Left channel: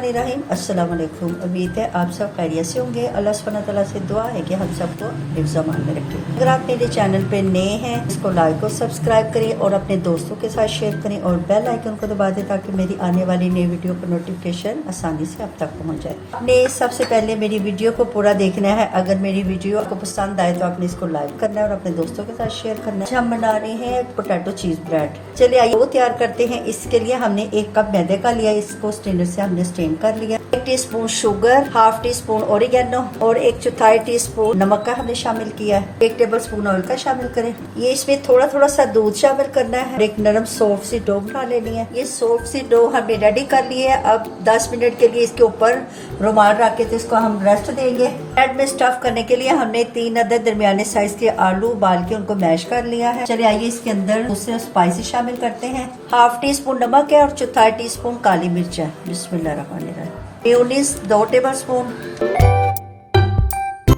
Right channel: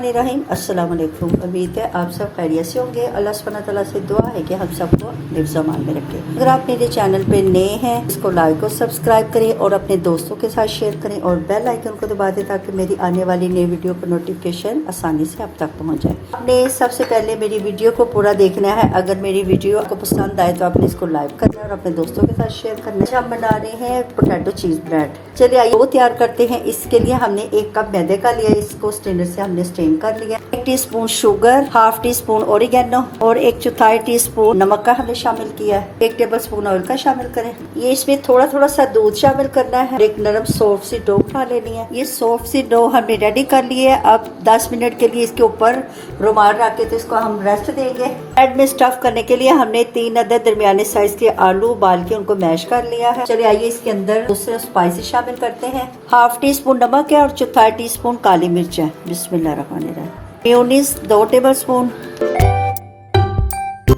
बिस्मिल्लाहिर्रहमानिर्रहीम। अस्सलाम वालेकुम। उम्मीद है आप सब खैरियत से होंगे। अल्लाह सुब्हानहू तआला से दुआ है कि हम सबको हिफ्ज़ अमान में रखे। अगर आप मेरे चैनल पे नए हैं इसको लाइक और सब्सक्राइब करें और अपने दोस्तों के साथ शेयर करें और बेल आइकन को दबा दें ताकि मेरी आने वाली नई वीडियो का नोटिफिकेशन आसानी से आप तक पहुँच जाए। आपने सबसे पहले मेरी वीडियो को पूरा देखना है। अगर मेरी वीडियो आपको पसंद आए तो आपने इसको लाइक करना है और अपने दोस्तों के साथ शेयर करना है। हम बना रहे हैं पोटैटो चीज ब्रेड। चलिए आइए वो तैयार करते हैं। इसके लिए हमने 1 कप मैदे का लिया, इसको स्ट्रेनर से हमने स्ट्रेन कर लिया। 1 teaspoon sugar, half tea spoon oregano और 1/4 टीस्पून नमक का हमने शामिल किया है। 1 टेबल स्पून ऑयल का शामिल करें। ये इसमें थोड़ा थोड़ा सा दूध शामिल करना है। एक नरम सॉफ्ट सी डो बना लेनी है। ये सॉफ्ट सी डो हमने रेडी कर ली है। अब 10 मिनट के लिए इसके ऊपर रुमाल रख के तो इसको हम रेस्ट देंगे। ब्रेड में स्टफ करने के लिए हमने 3 अदद दरमियाने साइज के आलू उबाल के उनको मैश कर लिया है। चलिए आइए इसके अंदर दूसरे स्पाइसेस शामिल करते हैं। हाफ टी स्पून नमक है और 1/4 टीस्पून काली मिर्च है। बिस्मिल्लाहिर्रहमानिर्रहीम। Mayonnaise 2 table spoon,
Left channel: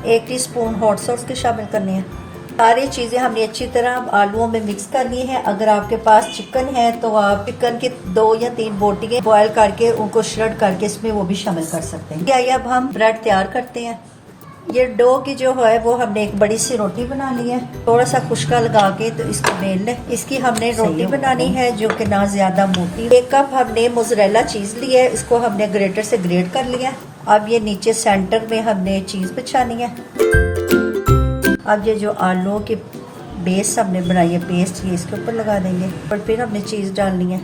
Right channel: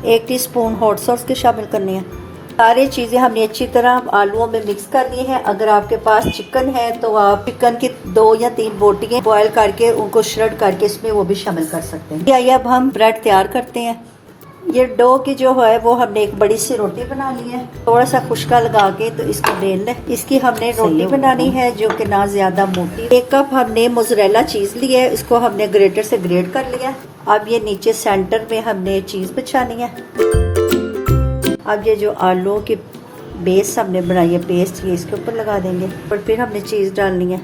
1 teaspoon hot sauce के शामिल करनी है। सारी चीजें हमने अच्छी तरह आलूओं में मिक्स करनी है। अगर आपके पास चिकन है तो आप चिकन की 2 या 3 बोटियां बॉयल करके उनको श्रेड करके इसमें वो भी शामिल कर सकते हैं। आइए अब हम ब्रेड तैयार करते हैं। ये डो की जो है वो हमने एक बड़ी सी रोटी बना ली है। थोड़ा सा खुशका लगा के तो इसको बेल लें। इसकी हमने रोटी बनानी है जो कि ना ज्यादा मोटी। 1 कप हमने मोज़रेला चीज ली है, इसको हमने ग्रेटर से ग्रेट कर लिया। अब ये नीचे सेंटर में हमने चीज बिछानी है। अब ये जो आलू की बेस हमने बनाई है पेस्ट, ये इसके ऊपर लगा देंगे और फिर हमने चीज डालनी है।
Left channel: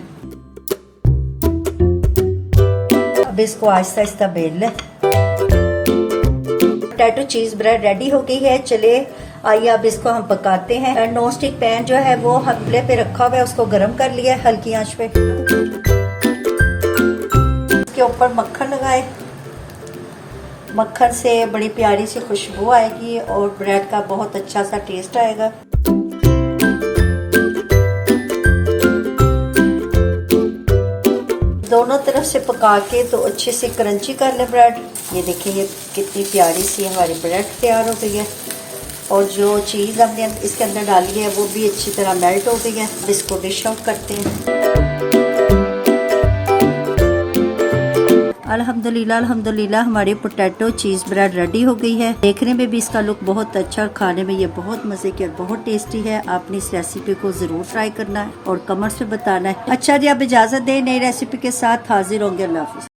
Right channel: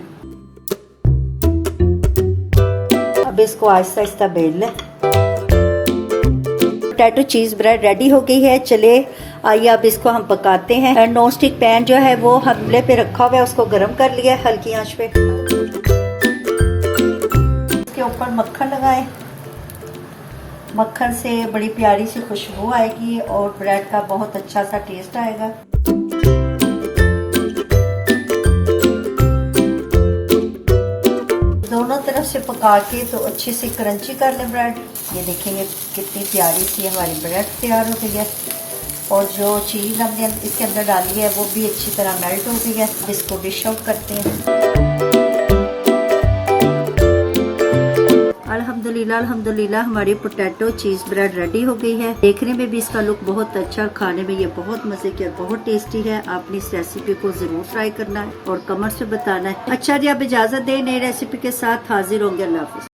अब इसको आहिस्ता आहिस्ता बेल लें। पोटैटो चीज ब्रेड रेडी हो गई है। चले आइए अब इसको हम पकाते हैं। नॉन स्टिक पैन जो है वो हल्के पे रखा हुआ है, उसको गर्म कर लिया है हल्की आंच पे। इसके ऊपर मक्खन लगाए। मक्खन से बड़ी प्यारी सी खुशबू आएगी और ब्रेड का बहुत अच्छा सा टेस्ट आएगा। दोनों तरफ से पका के तो अच्छे से क्रंची कर लें ब्रेड। ये देखेंगे कितनी प्यारी सी हमारी ब्रेड तैयार हो गई है और जो चीज़ हमने इसके अंदर डाली है वो भी अच्छी तरह मेल्ट हो गई है। इसको डिश आउट करते हैं। अल्हम्दुलिल्लाह अल्हम्दुलिल्लाह हमारी पोटैटो चीज ब्रेड रेडी हो गई है। देखने में भी इसका लुक बहुत अच्छा और खाने में ये बहुत मजे की और बहुत टेस्टी है। आपने इस रेसिपी को जरूर ट्राई करना है और कमेंट्स में बताना है। अच्छा जी, आप इजाजत दें, नई रेसिपी के साथ हाजिर होंगे। अल्लाह हाफिज।